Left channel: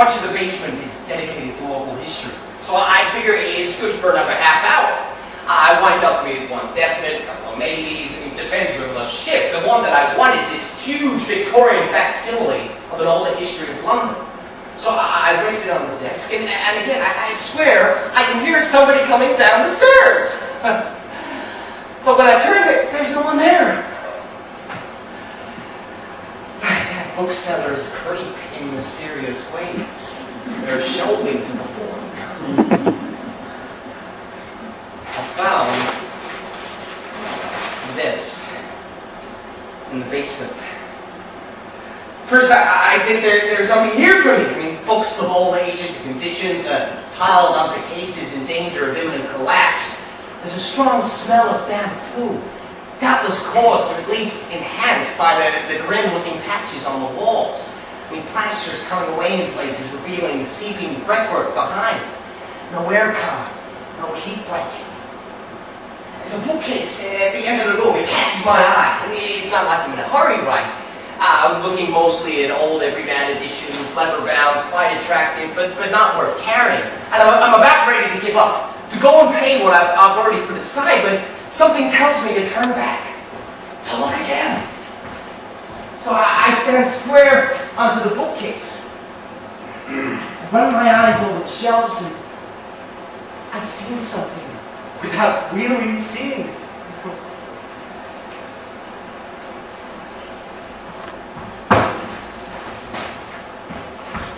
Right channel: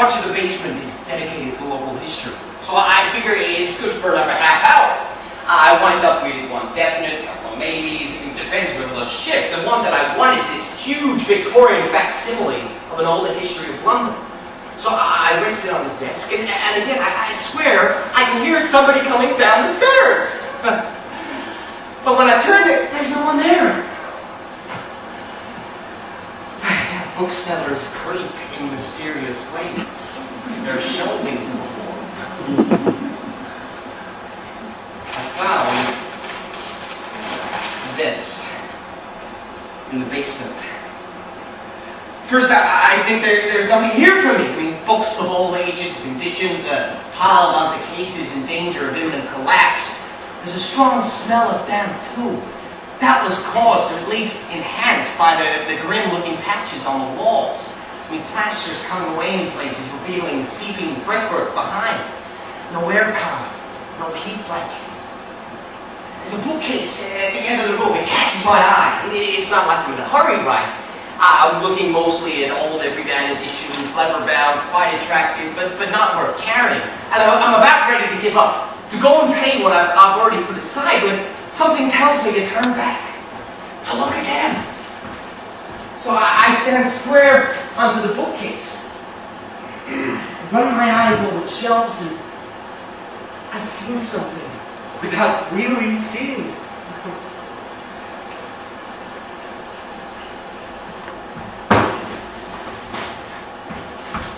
Much of the basement is dedicated to local history, so I figure it's good for another half hour. I wind up with one definite, a couple of maybes, it depends where we'll shift. The one that I want is this huge Victorian facsimile of an older history of London. So I rest it on the desk, and again, I swear, I can hear somebody coming down the stairs. But when I turn it, there's no one there. Booksellers creep in mysterious ways. There's shelving to perform. I found this in the basement. First, I think there's nothing here for me. I mean, books of all ages and conditions piled onto cases in danger of imminent collapse. There's a strong smell of damp, too. That was caused, or at least enhanced, by the grim-looking patches on the walls. I mean, plaster's coming away in places, revealing seeping brickwork behind. No aircon, no heat blanket. There's a bookcase at the end of the room. It catches my eye. It's not like I'm in a hurry, right? I'm looking mostly at old everyday editions, leather-bound, quite attractive, but not worth carrying. And I'm about ready to give up, to go and pay what I've already put aside, when something tells me to turn back, to look again. So I stand square onto the bookcase, run my eyes over the shelves, and I've seen something without really seeing it.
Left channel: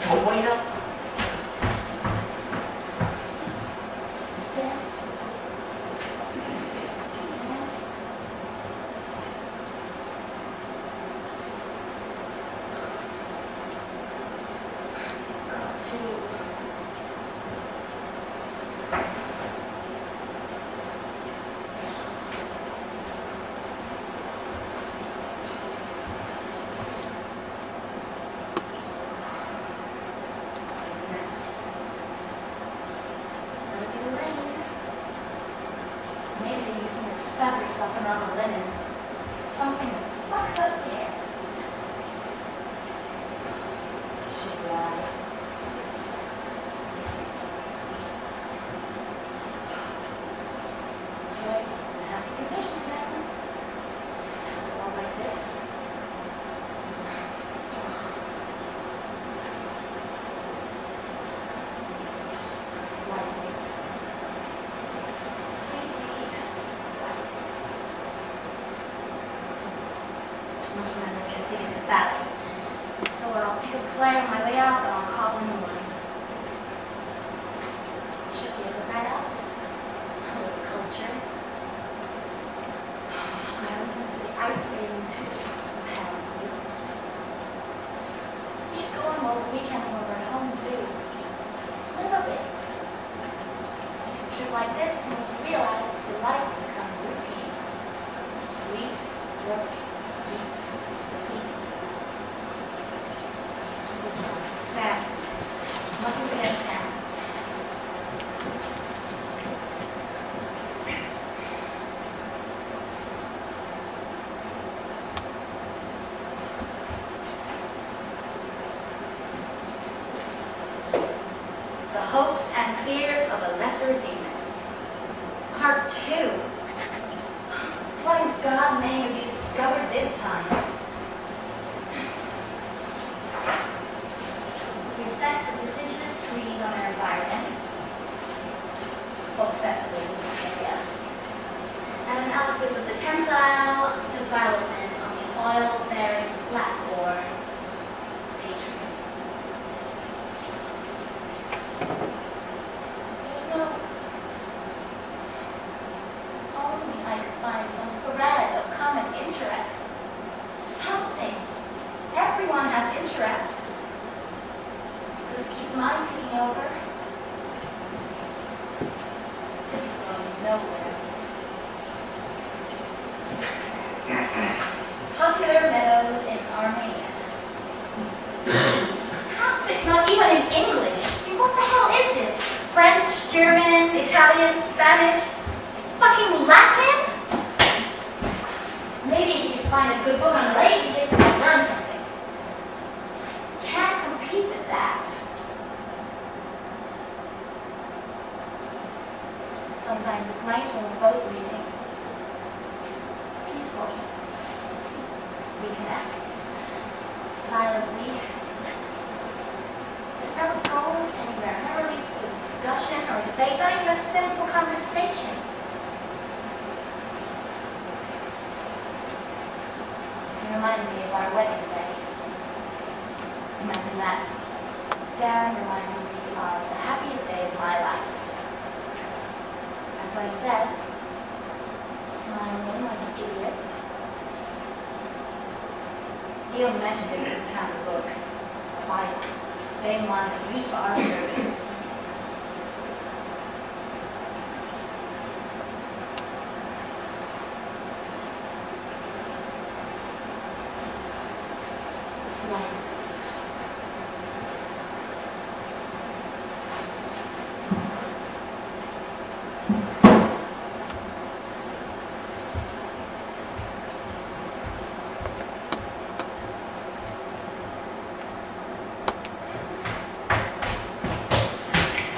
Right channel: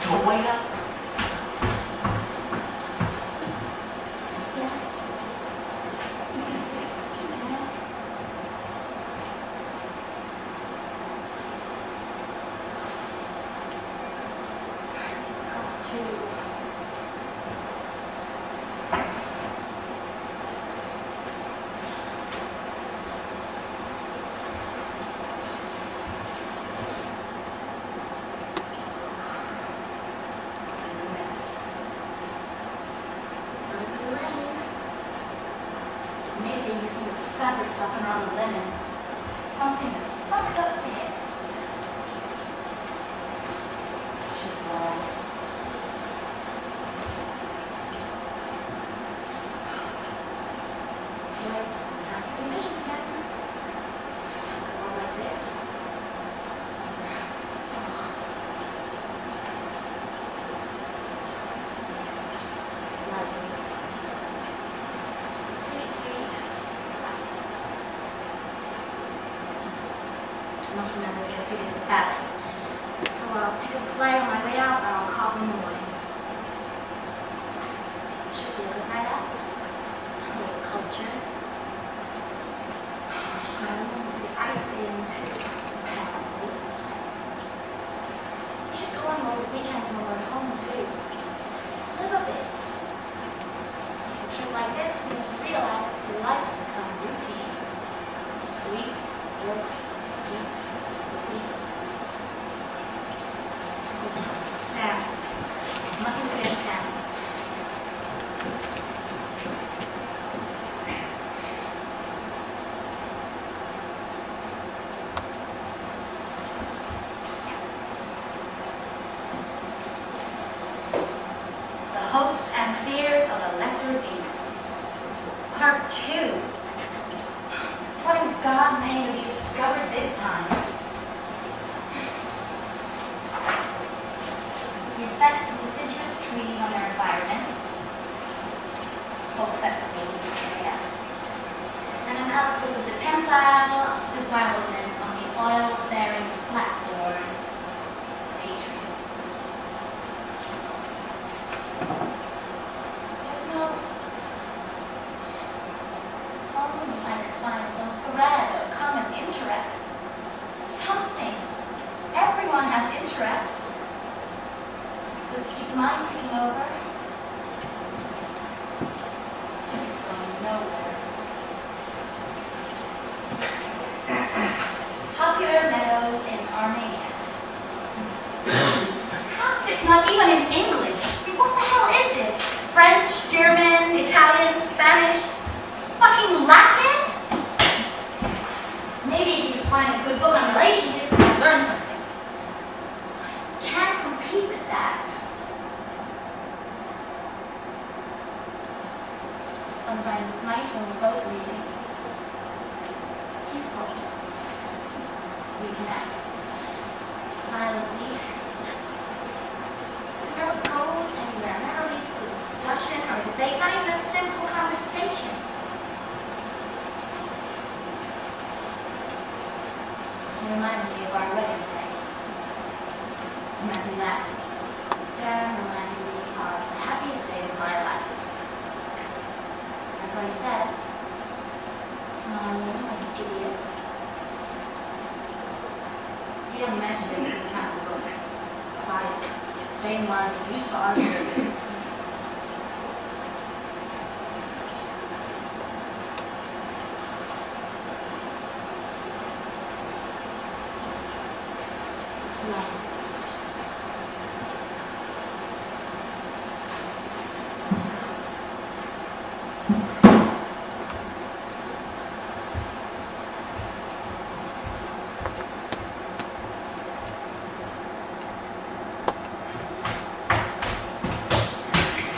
Don't wait up. Hopes and Fears of a Lesser Demon. Part 2. What in God's name have you discovered this time? The effects of deciduous trees on their environments. Folk festivals in the area. An analysis of the tensile developments on the oil-bearing platforms. sometimes it's nice when we're both reading. Peacefully. We can act silently. It never goes anywhere. It never leads to a discussion or a debate, not even a simple conversation. It reminded me of our wedding day. Imagine that. Darren reminded me of the happiest day of my life. That's what he said. Smiling like an idiot. He only mentioned it in his kind of book. The Bible. Same ones we use for our service. Yes.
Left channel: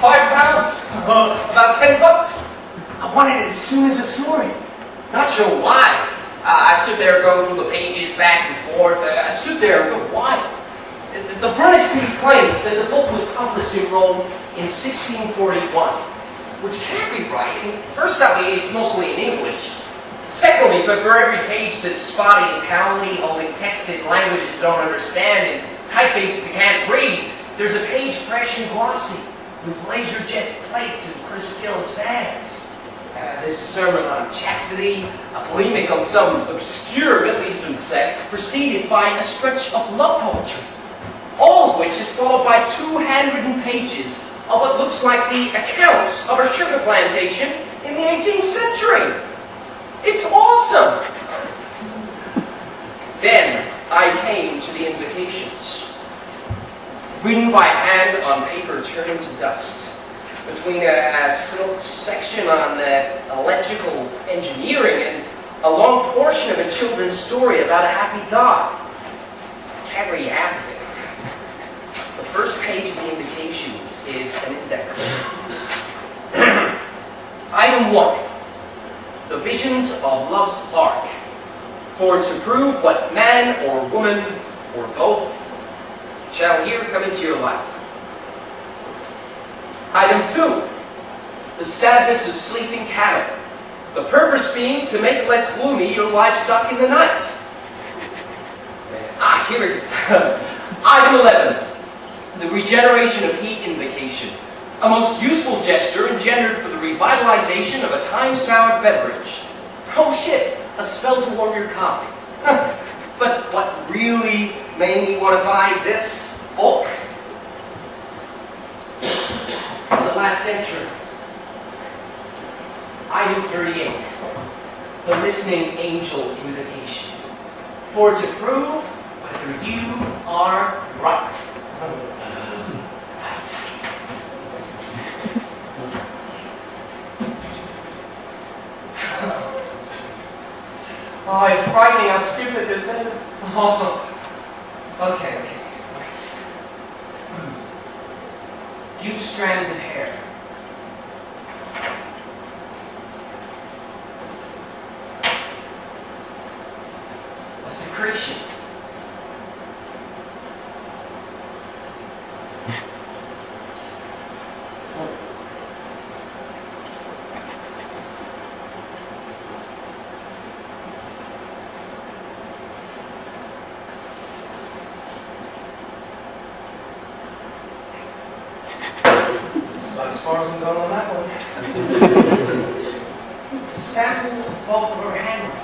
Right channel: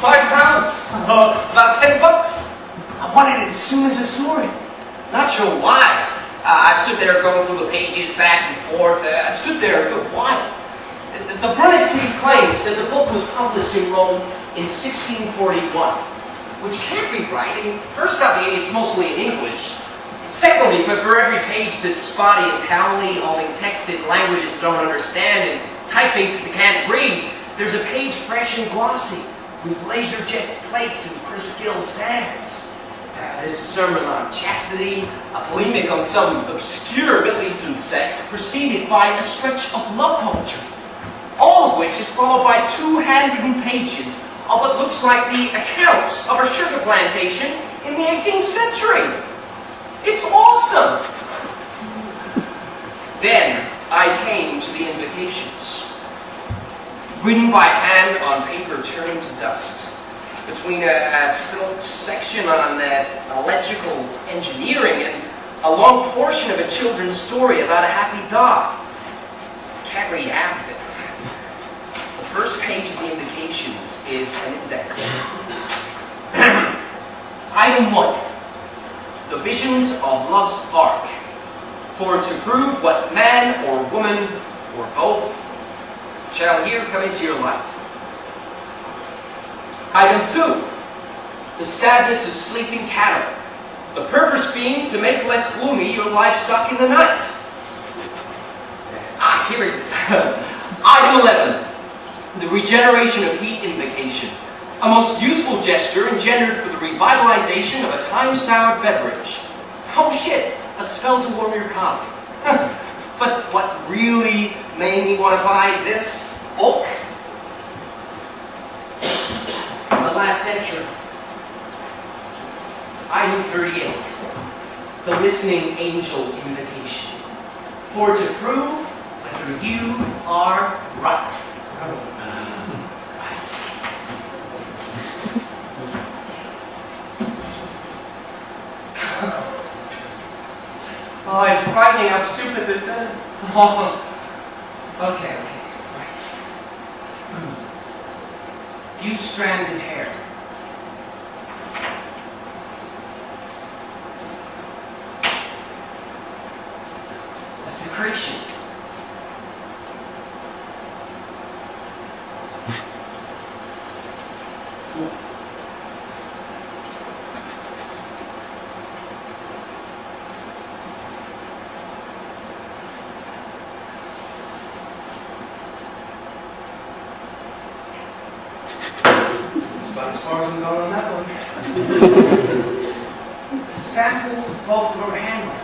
5 pounds. About 10 bucks. I wanted it as soon as I saw it. Not sure why. I stood there going through the pages back and forth. I stood there a good while. The frontispiece claims that the book was published in Rome in 1641, which can't be right. I mean, first off, it's mostly in English. Secondly, for every page that's spotty and cowly, holding text in languages you don't understand and typefaces you can't read, there's a page fresh and glossy, with laser jet plates and crisp gill sands. There's a sermon on chastity, a polemic on some obscure Middle Eastern sect, preceded by a stretch of love poetry. All of which is followed by 2 handwritten pages of what looks like the accounts of a sugar plantation in the 18th century. It's awesome! Then I came to the invocations. Written by hand on paper turning to dust. Between a silk section on electrical engineering and a long portion of a children's story about a happy dog. I can't read half of it. The first page of the invocations is an index. Item 1. The visions of love's ark. For to prove what man or woman or both shall here come into your life. Item 2. The sadness of sleeping cattle. The purpose being to make less gloomy your livestock in the night. Here it is. Item 11. The regeneration of heat invocation. A most useful gesture engendered for the revitalization of a time-soured beverage. Oh shit, a spell to warm your coffee. But what really made me want to buy this book is the last entry. Item 38. The listening angel invocation. For to prove whether you are right. Oh, it's frightening how stupid this is. Okay, right. Few strands of hair. A secretion. As far as I'm going on that one. A sample of both of our handwriting.